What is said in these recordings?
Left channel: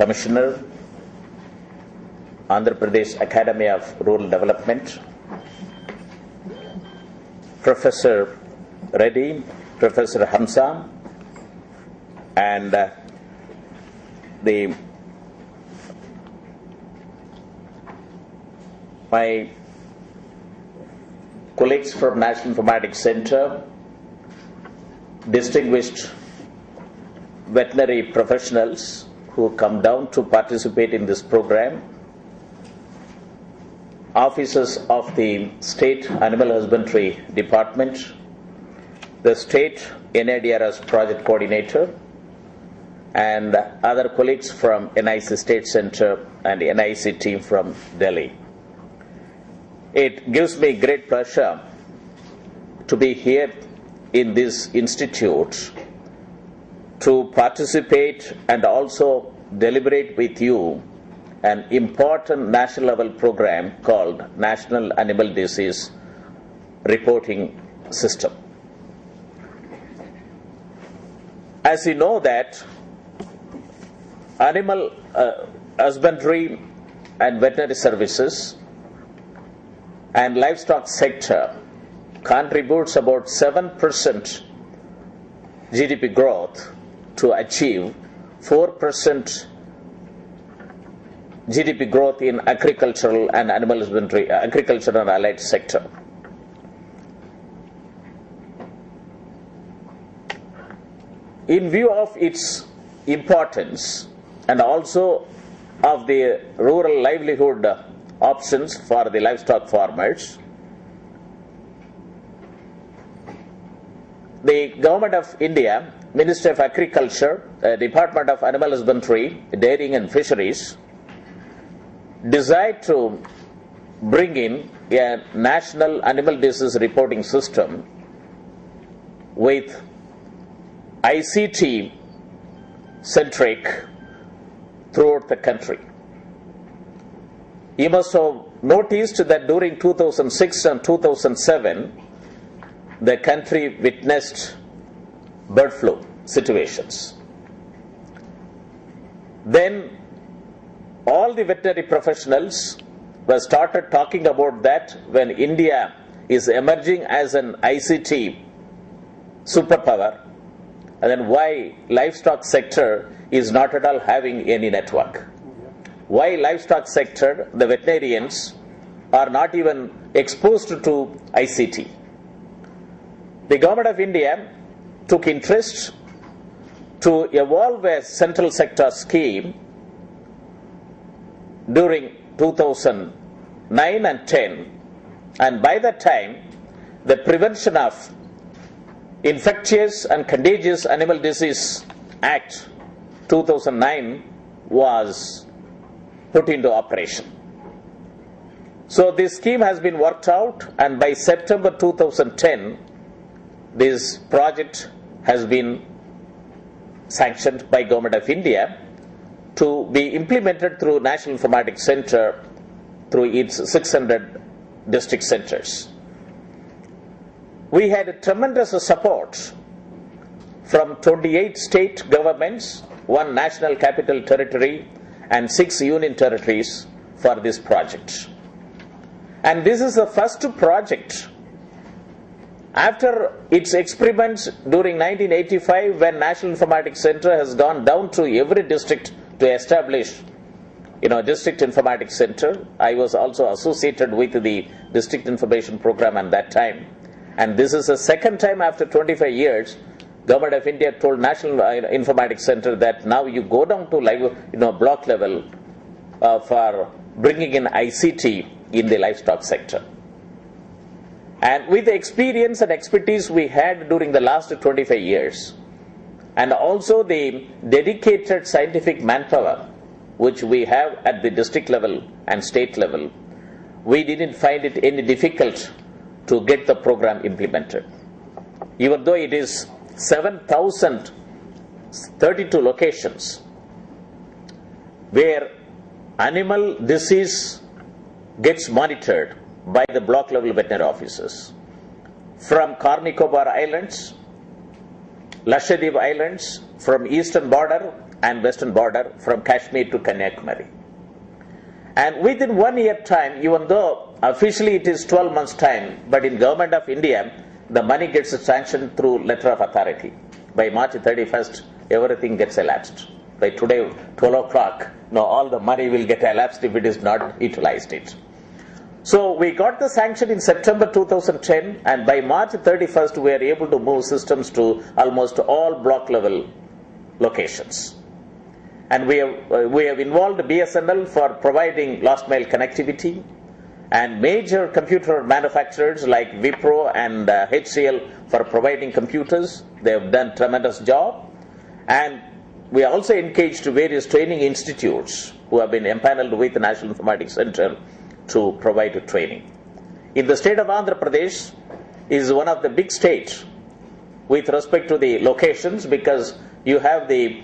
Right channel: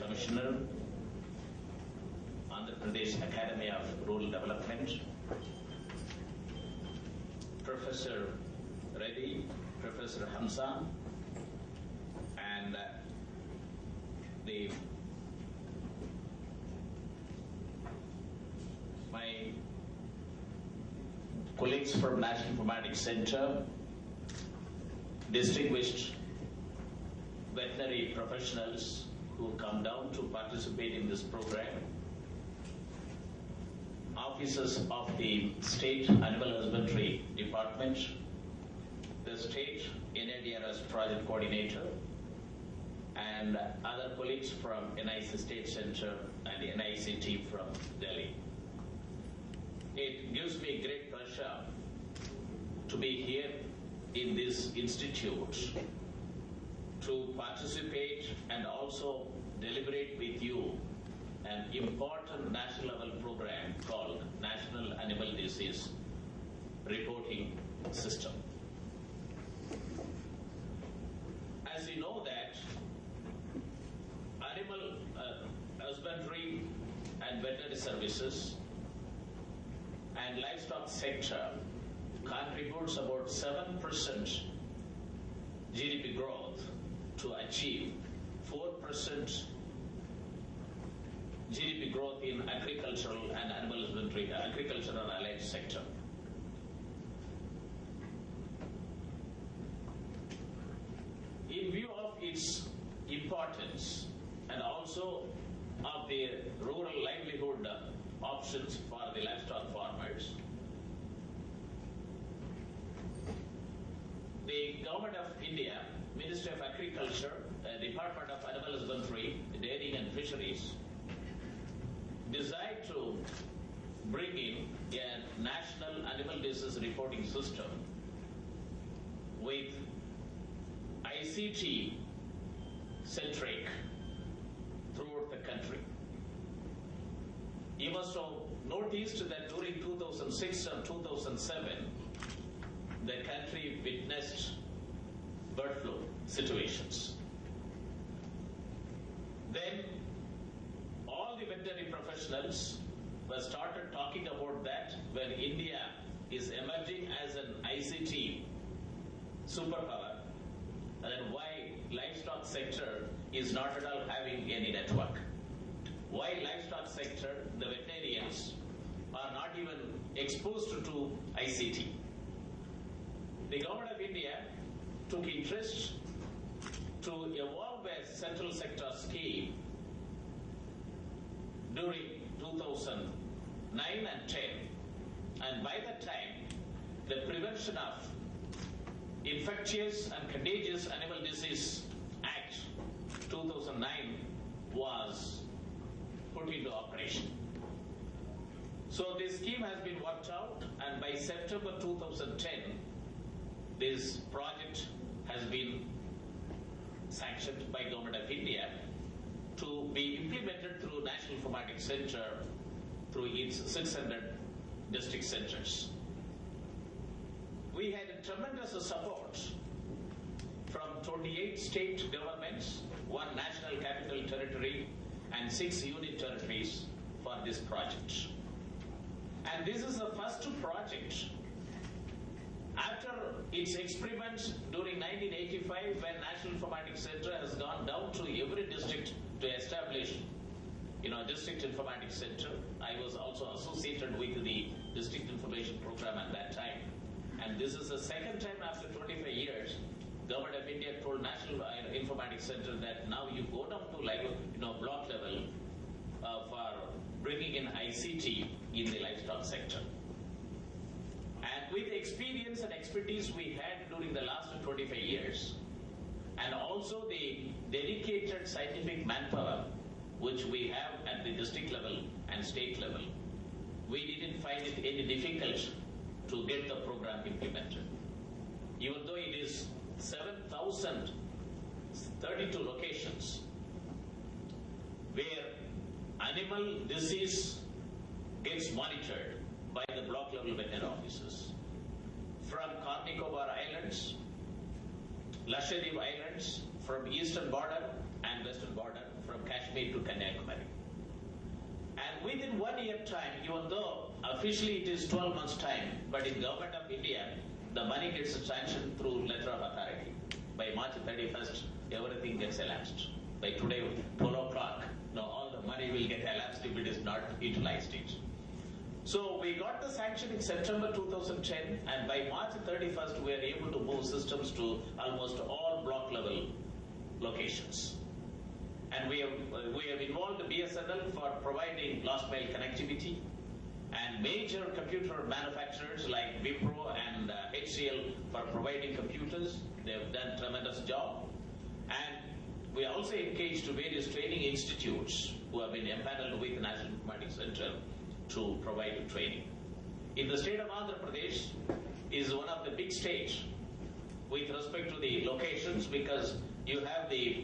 Commissioner, Andhra Pradesh Academy of Rural Development, Professor Reddy, Professor Hamza, and my colleagues from National Informatics Center, distinguished veterinary professionals who come down to participate in this program, officers of the State Animal Husbandry Department, the State NADRS Project Coordinator, and other colleagues from NIC State Center and NIC team from Delhi. It gives me great pleasure to be here in this institute to participate and also deliberate with you an important national level program called National Animal Disease Reporting System. As you know that animal husbandry and veterinary services and livestock sector contributes about 7% GDP growth to achieve 4% GDP growth in agricultural and animal husbandry, agricultural and allied sector. In view of its importance and also of the rural livelihood options for the livestock farmers, the Government of India, Ministry of Agriculture, Department of Animal Husbandry, Dairying and Fisheries, decided to bring in a national animal disease reporting system with ICT centric throughout the country. You must have noticed that during 2006 and 2007, the country witnessed bird flu situations. Then all the veterinary professionals were started talking about that when India is emerging as an ICT superpower, and then why livestock sector is not at all having any network. Why livestock sector, the veterinarians are not even exposed to ICT. The Government of India took interest to evolve a central sector scheme during 2009 and 10, and by that time the Prevention of Infectious and Contagious Animal Disease Act 2009 was put into operation. So this scheme has been worked out, and by September 2010 this project has been sanctioned by Government of India to be implemented through National Informatics Center through its 600 district centers. We had tremendous support from 28 state governments, 1 national capital territory, and 6 union territories for this project. And this is the first project after its experiments during 1985, when National Informatics Center has gone down to every district to establish district informatics center. I was also associated with the district information program at that time. And this is the second time after 25 years, Government of India told National Informatics Center that now you go down to block level for bringing in ICT in the livestock sector. And with the experience and expertise we had during the last 25 years, and also the dedicated scientific manpower which we have at the district level and state level, we didn't find it any difficult to get the program implemented. Even though it is 7,032 locations where animal disease gets monitored by the block level veterinary officers, from Nicobar Islands, Lakshadweep Islands, from eastern border and western border from Kashmir to Kanyakumari. And within 1 year time, even though officially it is 12 months time, but in Government of India, the money gets sanctioned through letter of authority. By March 31st, everything gets elapsed. By today, 12 o'clock, all the money will get elapsed if it is not utilized it. So we got the sanction in September 2010, and by March 31st, we are able to move systems to almost all block level locations. And we have involved BSNL for providing last mile connectivity, and major computer manufacturers like Wipro and HCL for providing computers. They have done tremendous job. And we also engaged various training institutes who have been empaneled with the National Informatics Center to provide training. In the state of Andhra Pradesh is one of the big states with respect to the locations, because you have the,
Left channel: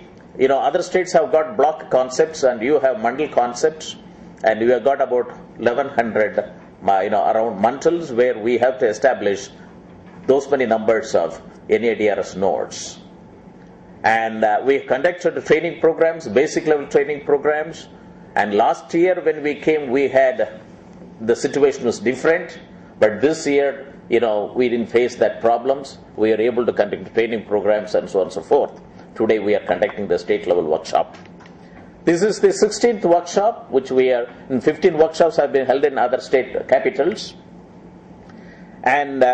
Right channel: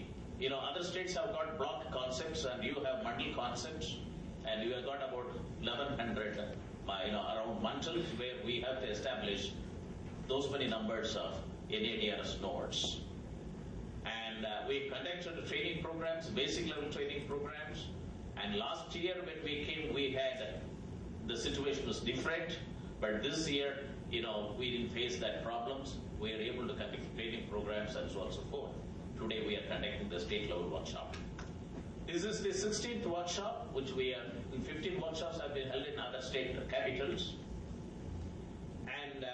other states have got block concepts and you have mandal concepts, and you have got about 1100 around mantals where we have to establish those many numbers of NADRS nodes. And we conducted training programs, basic level training programs, and last year when we came, the situation was different, but this year, we didn't face that problems. We are able to conduct training programs and so on and so forth. Today we are conducting the state level workshop. This is the 16th workshop, which we are, 15 workshops have been held in other state capitals. And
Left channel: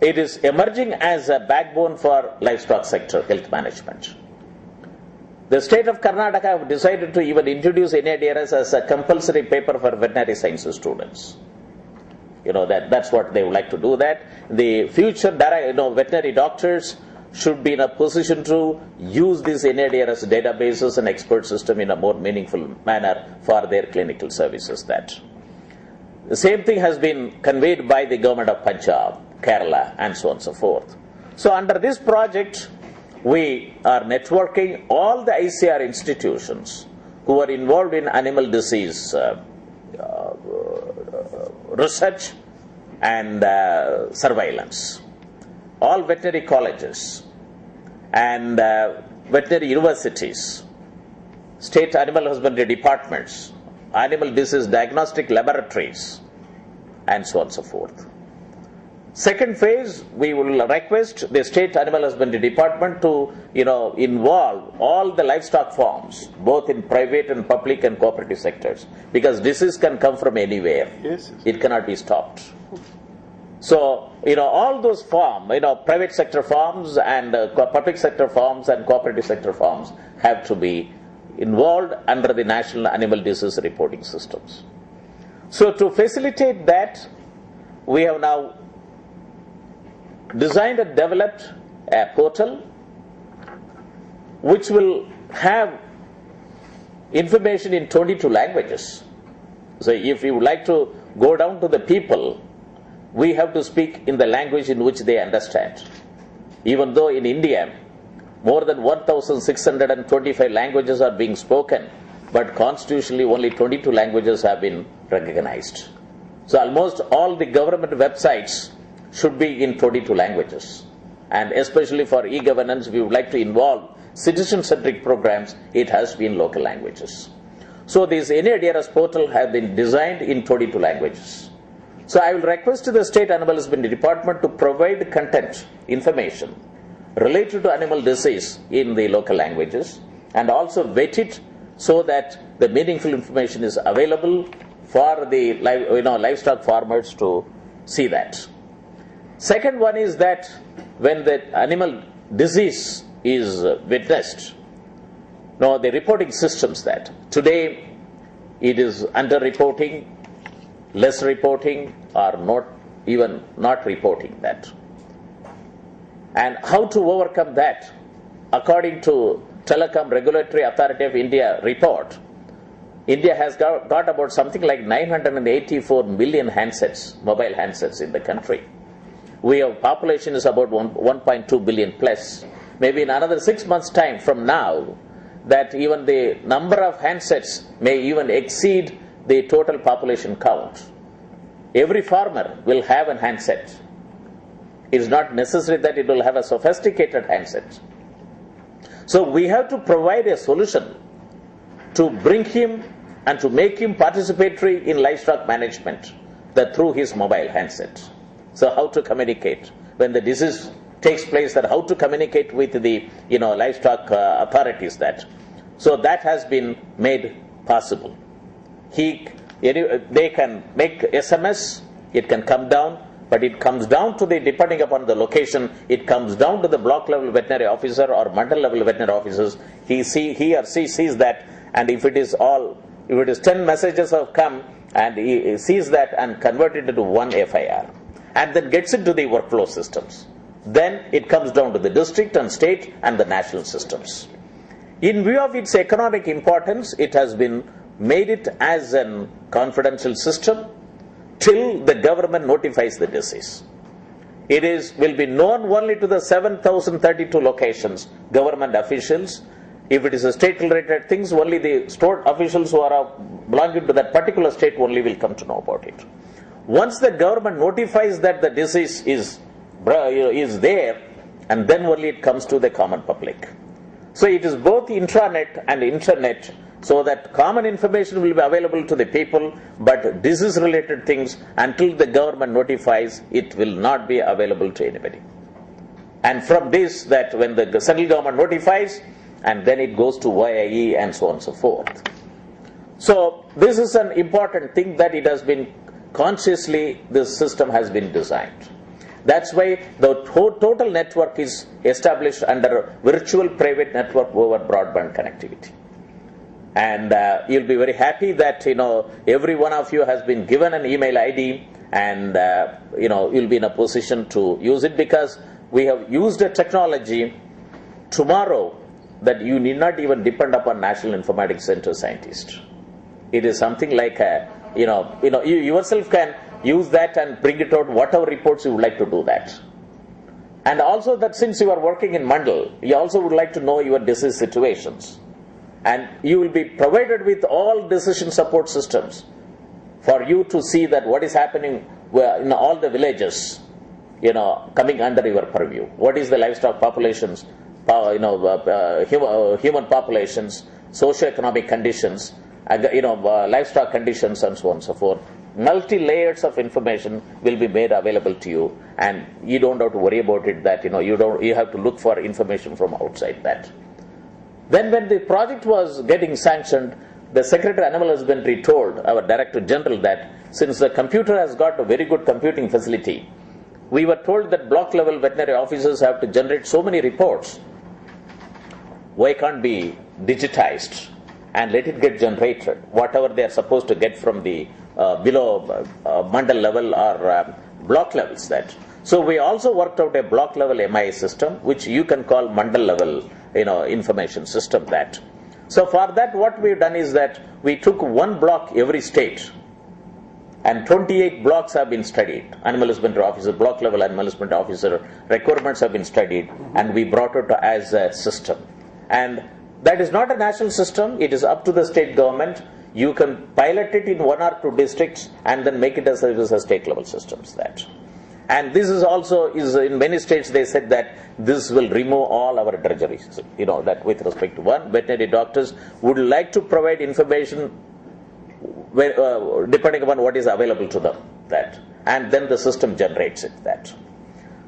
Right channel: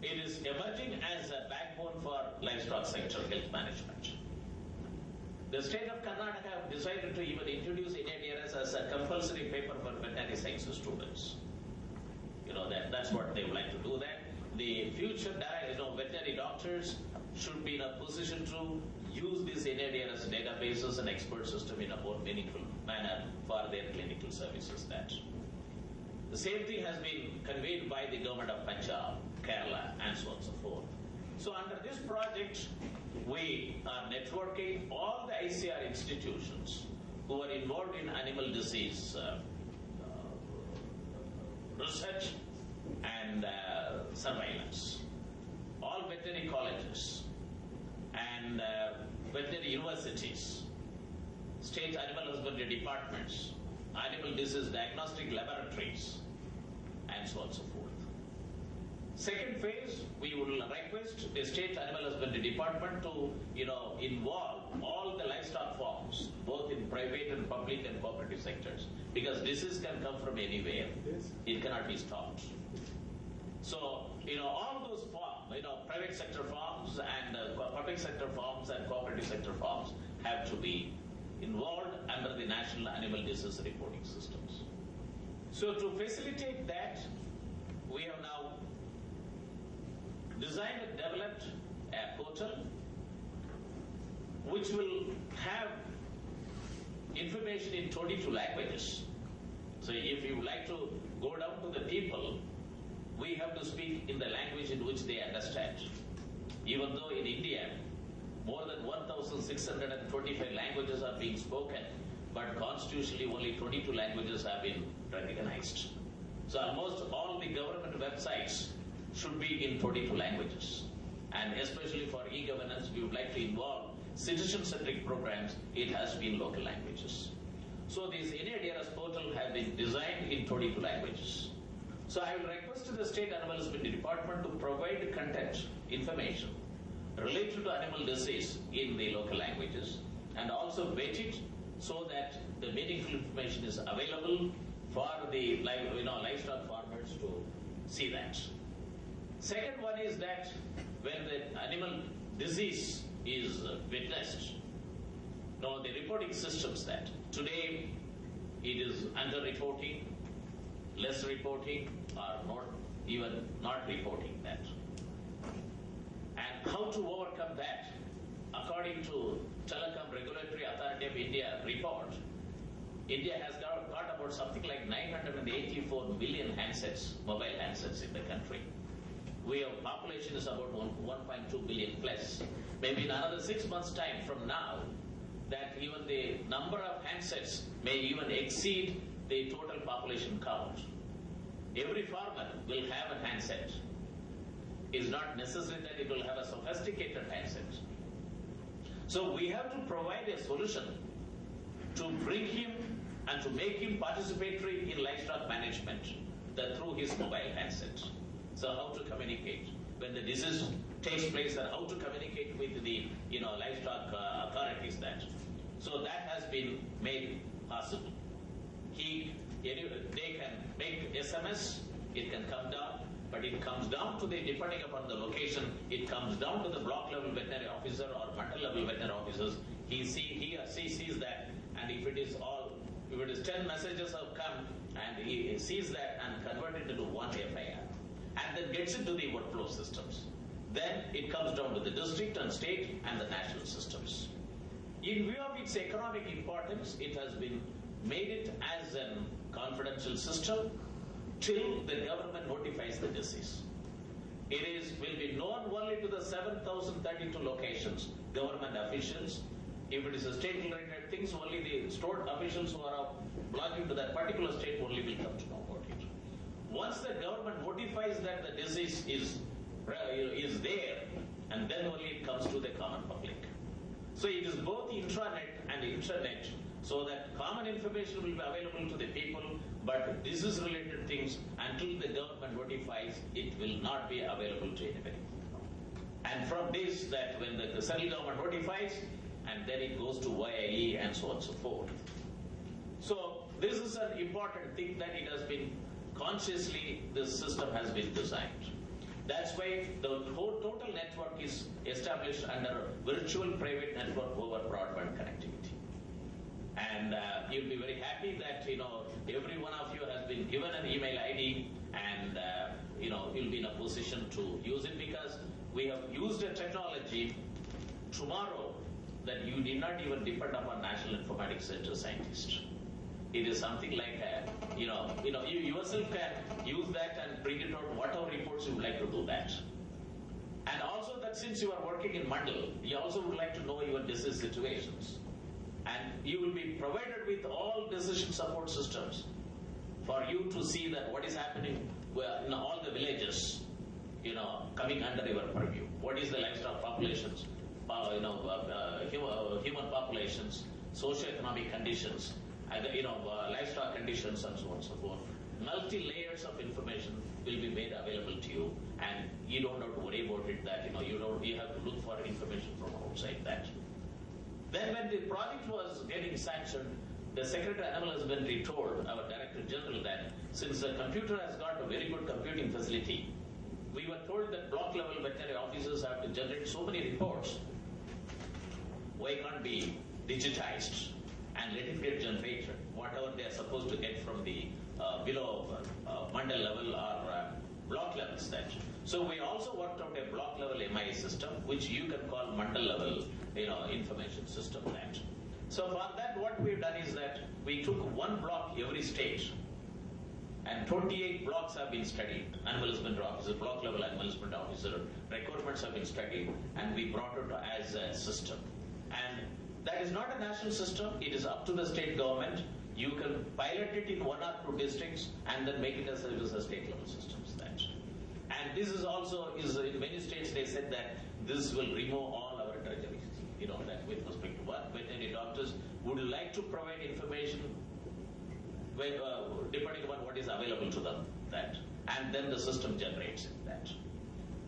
it is emerging as a backbone for livestock sector health management. The state of Karnataka have decided to even introduce NADRS as a compulsory paper for veterinary sciences students. That's what they would like to do that. The future veterinary doctors should be in a position to use these NADRS databases and expert system in a more meaningful manner for their clinical services. The same thing has been conveyed by the government of Punjab, Kerala, and so on and so forth. So under this project, we are networking all the ICR institutions who are involved in animal disease research and surveillance. All veterinary colleges and veterinary universities, state animal husbandry departments, animal disease diagnostic laboratories, and so on and so forth. Second phase, we will request the state animal husbandry department to involve all the livestock farms, both in private and public and cooperative sectors, because disease can come from anywhere. Yes. It cannot be stopped. So, all those farms, private sector farms and public sector farms and cooperative sector farms have to be involved under the national animal disease reporting systems. So, to facilitate that, we have now designed and developed a portal which will have information in 22 languages. So, if you would like to go down to the people, we have to speak in the language in which they understand. Even though in India, more than 1,625 languages are being spoken, but constitutionally only 22 languages have been recognized. So almost all the government websites should be in 22 languages. And especially for e-governance, we would like to involve citizen-centric programs, it has to be in local languages. So this NADRS portal has been designed in 22 languages. So I will request the State Animal Husbandry Department to provide content, information related to animal disease in the local languages, and also vet it so that the meaningful information is available for the livestock farmers to see that. Second one is that when the animal disease is witnessed, the reporting systems that today it is under-reporting, less reporting, or not reporting that. And how to overcome that? According to Telecom Regulatory Authority of India report, India has got about something like 984 million handsets, mobile handsets in the country. We have population is about 1.2 billion plus. Maybe in another 6 months' time from now, that even the number of handsets may even exceed the total population count. Every farmer will have a handset. It is not necessary that it will have a sophisticated handset. So we have to provide a solution to bring him and to make him participatory in livestock management that through his mobile handset. So how to communicate when the disease takes place, that how to communicate with the livestock authorities that. So that has been made possible. They can make SMS, it can come down, but it comes down to depending upon the location, it comes down to the block level veterinary officer or mandal level veterinary officers. He or she sees that, and if it is 10 messages have come, and he sees that and convert it into one FIR, and then gets into the workflow systems. Then it comes down to the district and state and the national systems. In view of its economic importance, it has been made it as a confidential system till the government notifies the disease. It will be known only to the 7,032 locations, government officials. If it is a state-related things, only the store officials who are belonging to that particular state only will come to know about it. Once the government notifies that the disease is there, and then only it comes to the common public. So it is both intranet and internet, so that common information will be available to the people, but disease-related things, until the government notifies, it will not be available to anybody. And from this, that when the central government notifies, and then it goes to YIE and so on and so forth. So this is an important thing, that it has been consciously, this system has been designed. That's why the total network is established under virtual private network over broadband connectivity. And you'll be very happy that every one of you has been given an email ID, and you'll be in a position to use it, because we have used a technology tomorrow that you need not even depend upon National Informatics Center scientists. It is something like you yourself can use that and bring it out, whatever reports you would like to do that. And also that since you are working in Mandal, you also would like to know your disease situations. And you will be provided with all decision support systems for you to see that what is happening in all the villages, coming under your purview. What is the livestock populations, human populations, socioeconomic conditions, livestock conditions, and so on and so forth. Multi-layers of information will be made available to you, and you don't have to worry about it that you have to look for information from outside that. Then when the project was getting sanctioned, the Secretary Animal Husbandry told our Director General that since the computer has got a very good computing facility, we were told that block level veterinary officers have to generate so many reports. Why can't be digitized and let it get generated, whatever they are supposed to get from the below mandal level or block levels that. So we also worked out a block level MI system, which you can call mandal level information system that. So for that, what we've done is that we took one block every state, and 28 blocks have been studied. Animal husbandry officer, block level animal husbandry officer requirements have been studied, and we brought it as a system. And that is not a national system, it is up to the state government. You can pilot it in 1 or 2 districts and then make it as a state level systems that. And this is also in many states they said that this will remove all our drudgeries. That with respect to one, veterinary doctors would like to provide information depending upon what is available to them that, and then the system generates it that.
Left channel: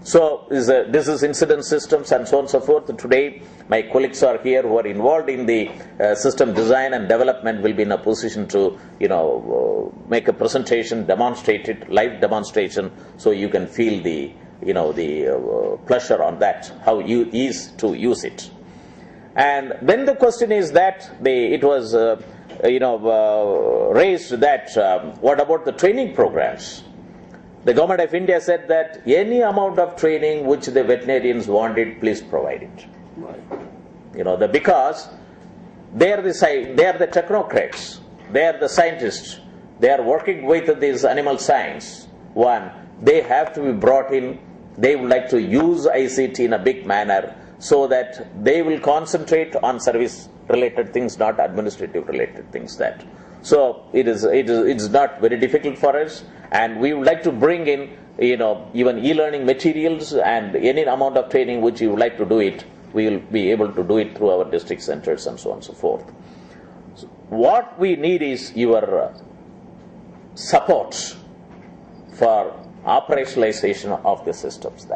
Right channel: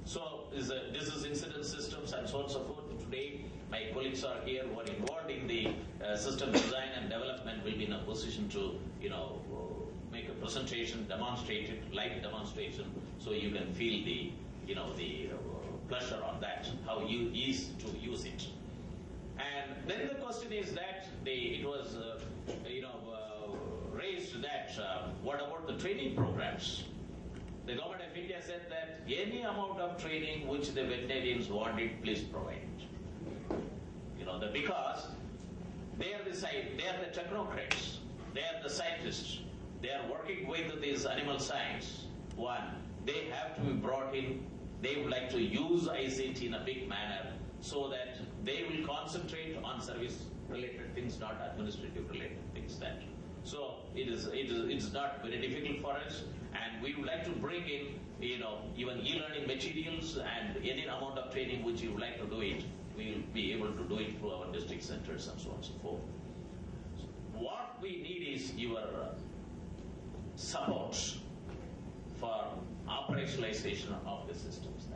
So this is incident systems and so on and so forth. Today my colleagues are here who are involved in the system design and development will be in a position to make a presentation, demonstrate it, live demonstration, so you can feel the pleasure on that, how you is to use it. And then the question is that it was raised that what about the training programs? The government of India said that any amount of training which the veterinarians wanted, please provide it. Right. Because they are the technocrats, they are the scientists, they are working with this animal science. One, they have to be brought in. They would like to use ICT in a big manner so that they will concentrate on service-related things, not administrative-related things. That. So it's not very difficult for us, and we would like to bring in even e-learning materials and any amount of training which you would like to do it. we will be able to do it through our district centers and so on and so forth. So what we need is your support for operationalization of the systems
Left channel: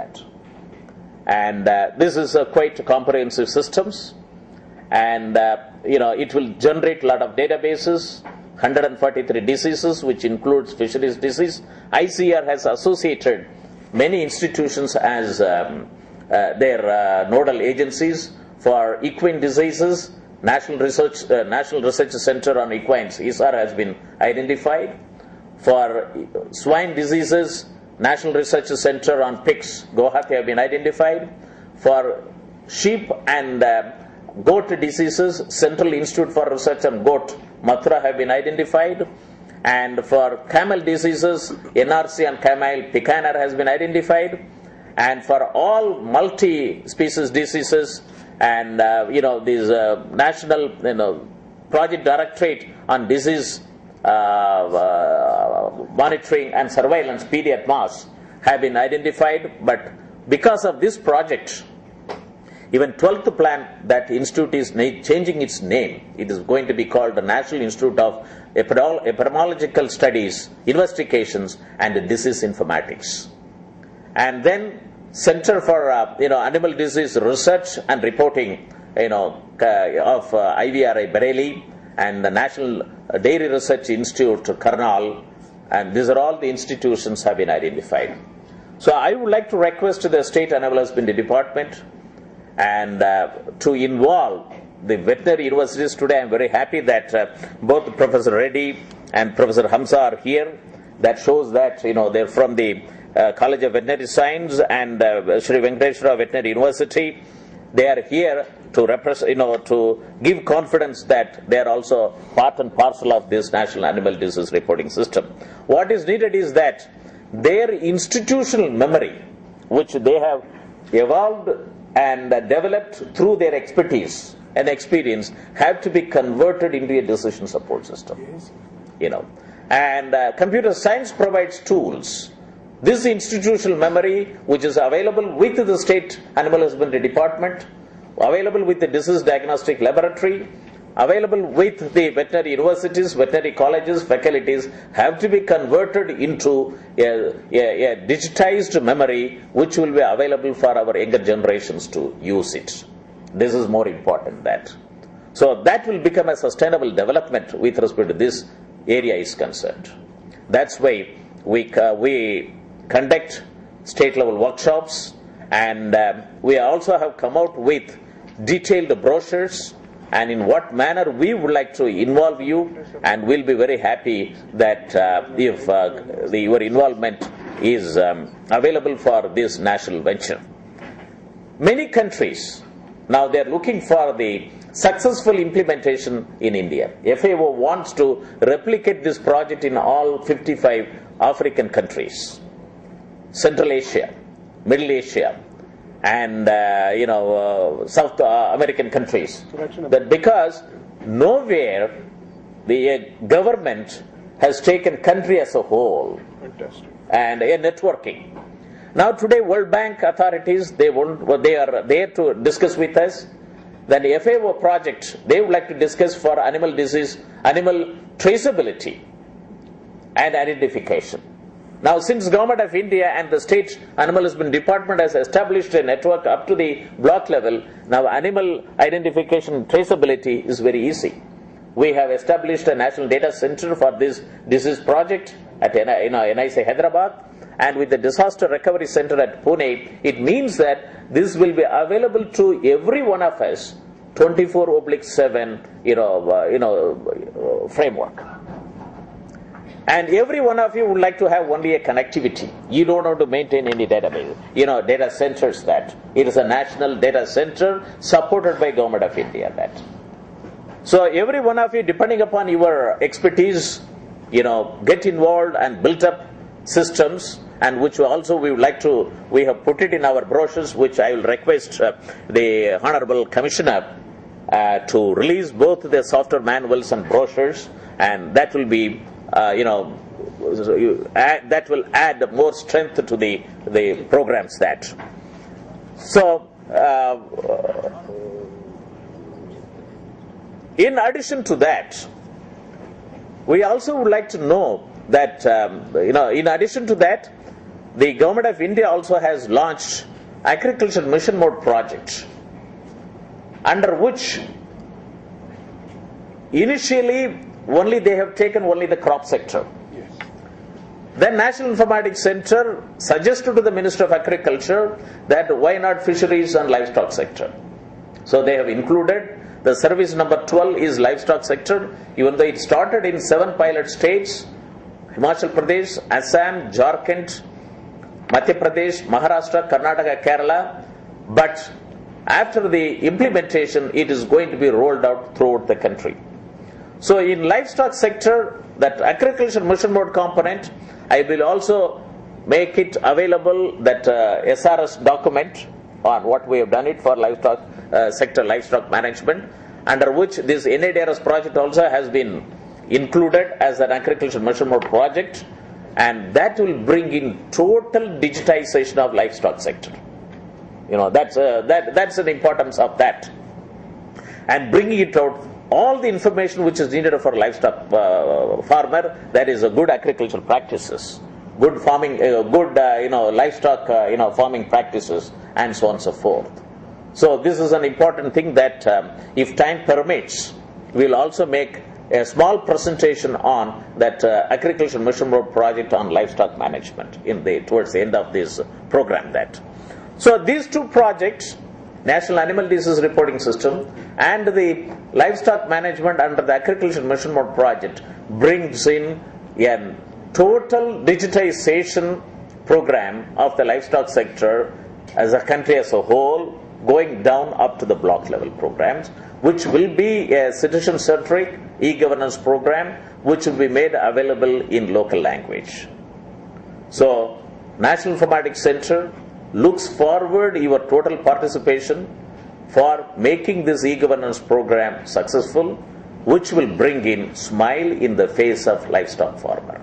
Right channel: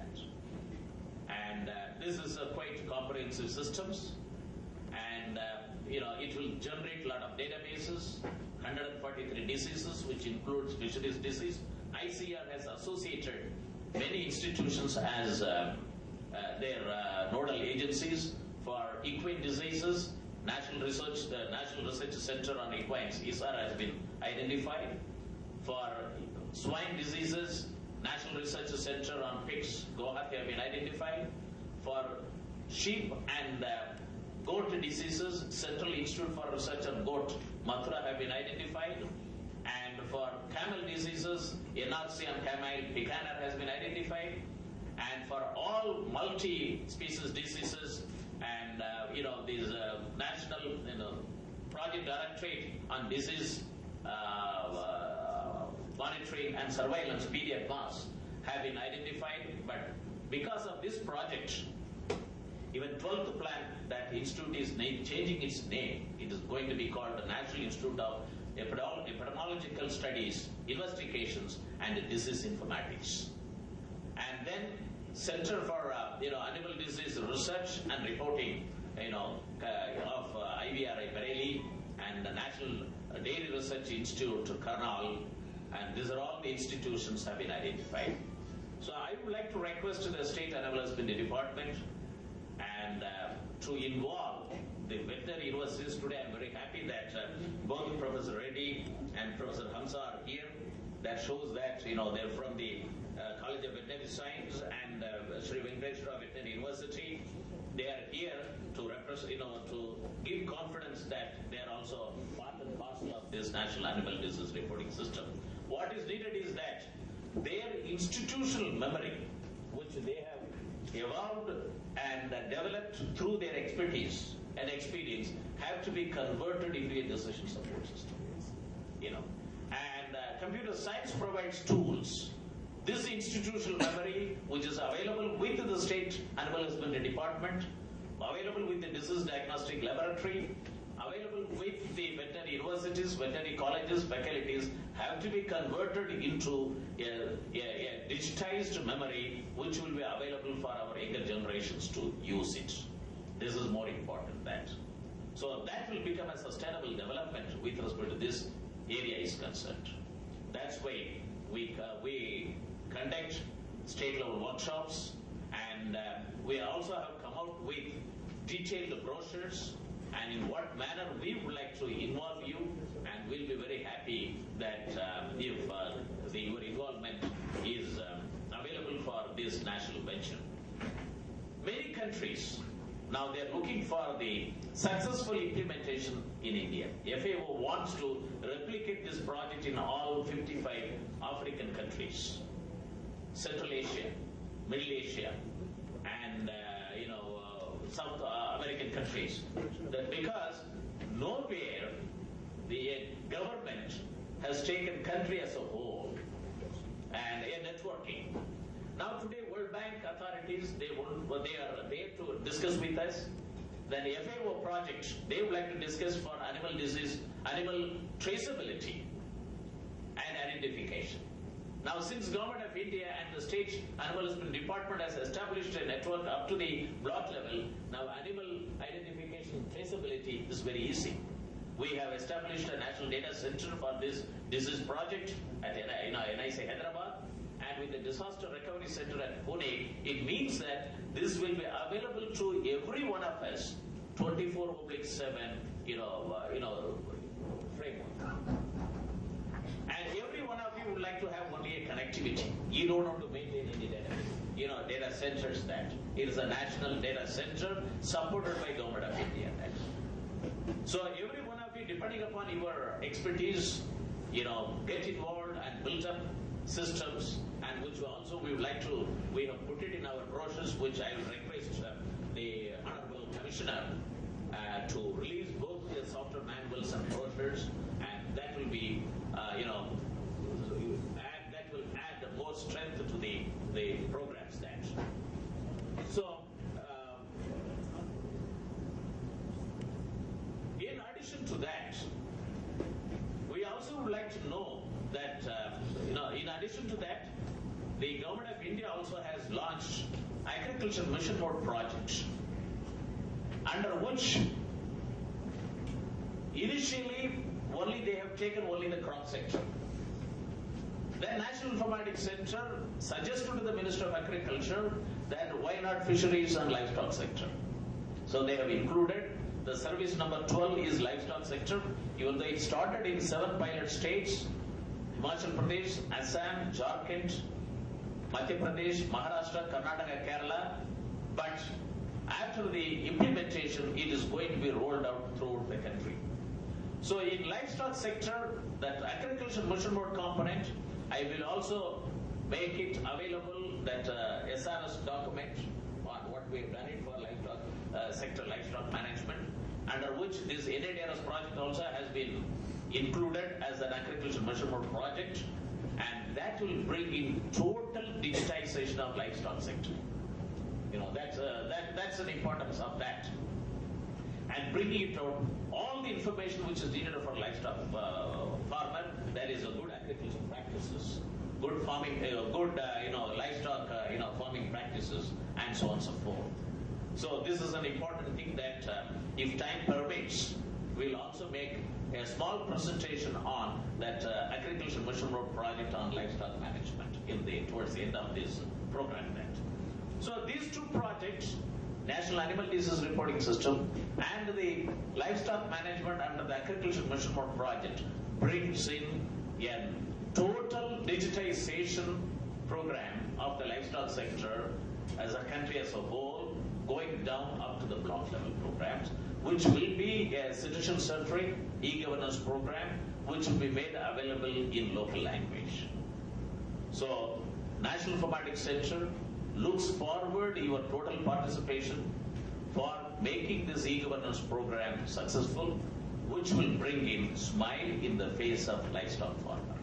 and this is a quite comprehensive systems, and it will generate a lot of databases, 143 diseases, which includes fisheries disease. ICR has associated many institutions as their nodal agencies for equine diseases. National Research Center on Equines, ISAR, has been identified. For swine diseases, National Research Center on Pigs, Guwahati, have been identified. For sheep and goat diseases, Central Institute for Research on Goat, Mathura, have been identified. And for camel diseases, NRC on camel, Pikaner, has been identified. And for all multi-species diseases, and these National Project Directorate on Disease Monitoring and Surveillance, PDMAS, have been identified. But because of this project, even 12th plan, that institute is changing its name. It is going to be called the National Institute of Epidemiological Studies, Investigations and Disease Informatics. And then Center for Animal Disease Research and Reporting of IVRI Bareilly, and the National Dairy Research Institute Karnal, and these are all the institutions have been identified. So I would like to request the State Animal Husbandry Department and to involve the veterinary universities. Today I am very happy that both Professor Reddy and Professor Hamza are here. That shows that they're from the College of Veterinary Science and Sri Venkateswara Veterinary University. They are here to represent, to give confidence that they are also part and parcel of this National Animal Disease Reporting System. What is needed is that their institutional memory, which they have evolved and developed through their expertise and experience, have to be converted into a decision support system. And computer science provides tools. This institutional memory, which is available with the State Animal Husbandry Department, available with the Disease Diagnostic Laboratory, available with the veterinary universities, veterinary colleges, faculties, have to be converted into a digitized memory which will be available for our younger generations to use it. This is more important that. So that will become a sustainable development with respect to this area is concerned. That's why we conduct state level workshops, and we also have come out with detailed brochures and in what manner we would like to involve you, and we'll be very happy that if your involvement is available for this national venture. Many countries now they're looking for the successful implementation in India. FAO wants to replicate this project in all 55 African countries, Central Asia, Middle Asia, and South American countries. That because nowhere the government has taken country as a whole and a networking. Now today World Bank authorities, they are there to discuss with us. Then the FAO project, they would like to discuss for animal disease, animal traceability and identification. Now, since Government of India and the State Animal Husbandry Department has established a network up to the block level, now animal identification and traceability is very easy. We have established a national data center for this disease project at NIC Hyderabad, and with the disaster recovery center at Pune, it means that this will be available to every one of us 24/7 framework. And every one of you would like to have only a connectivity. You don't want to maintain any database, data centers. That it is a national data center supported by Government of India. That so every one of you, depending upon your expertise, get involved and build up systems, and which also we have put it in our brochures, which I will request the Honorable Commissioner to release both the software manuals and brochures, and that will be that will add more strength to the programs. That so In addition to that, we also would like to know that, in addition to that, the Government of India also has launched Agriculture Mission Mode project, under which initially only they have taken only the crop sector. Yes. Then National Informatics Center suggested to the Minister of Agriculture that why not fisheries and livestock sector. So they have included. The service number 12 is livestock sector, even though it started in 7 pilot states: Himachal Pradesh, Assam, Jharkhand, Madhya Pradesh, Maharashtra, Karnataka, Kerala. But after the implementation, it is going to be rolled out throughout the country. So in livestock sector, that agriculture mission mode component, I will also make it available, that SRS document on what we have done it for livestock sector livestock management, under which this NADRS project also has been included as an agriculture mission mode project, and that will bring in total digitization of livestock sector. That's the importance of that, and bringing it out all the information which is needed for livestock farmer. That is a good agricultural practices, good farming, good livestock farming practices, and so on and so forth. So this is an important thing that if time permits, we'll also make a small presentation on that agriculture mission mode project on livestock management towards the end of this program. So these two projects, National Animal Disease Reporting System and the livestock management under the agriculture mission mode project, brings in a total digitization program of the livestock sector as a country as a whole, going down up to the block level programs, which will be a citizen-centric e-governance program, which will be made available in local language. So National Informatics Center looks forward your total participation for making this e-governance program successful, which will bring in smile in the face of livestock farmer.